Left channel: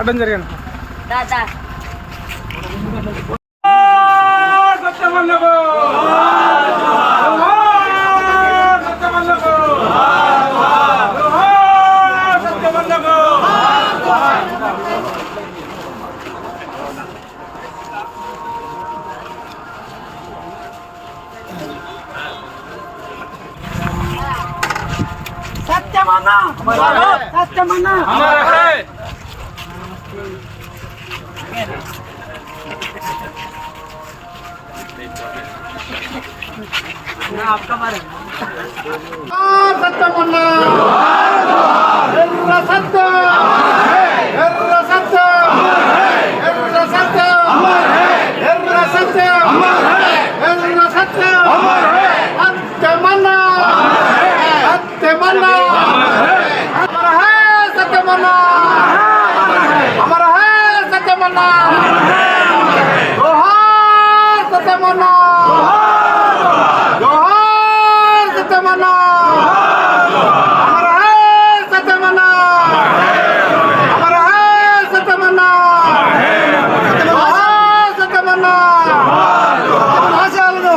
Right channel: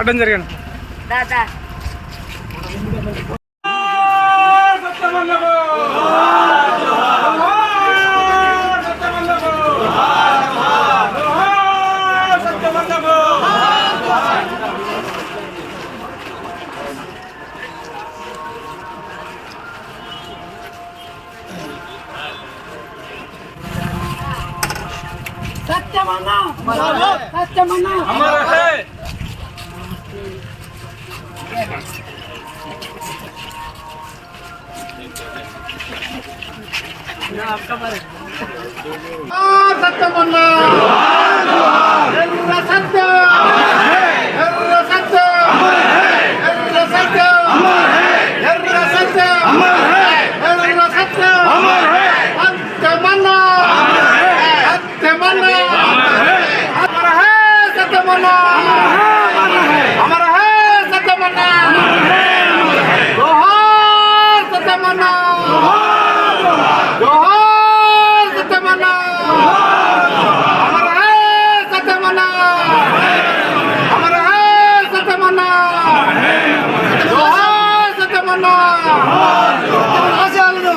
అడ్డం జరిగాను సత్యమన్నా సత్యమన్నా సత్యమన్నా ఎర్ర సత్యం ఎర్ర సత్యం ఎర్ర సత్యం ఎర్ర సత్యం ఎర్ర సత్యం సత్యమన్నా సత్యమన్నా అమర హై సత్యమన్నా అమర హై సత్యమన్నా జోహార్ సత్యమన్నా జోహార్ సత్యమన్నా అమర హై సత్యమన్నా అమర హై సత్యమన్నా జోహార్ సత్యమన్నా ఆశయాలను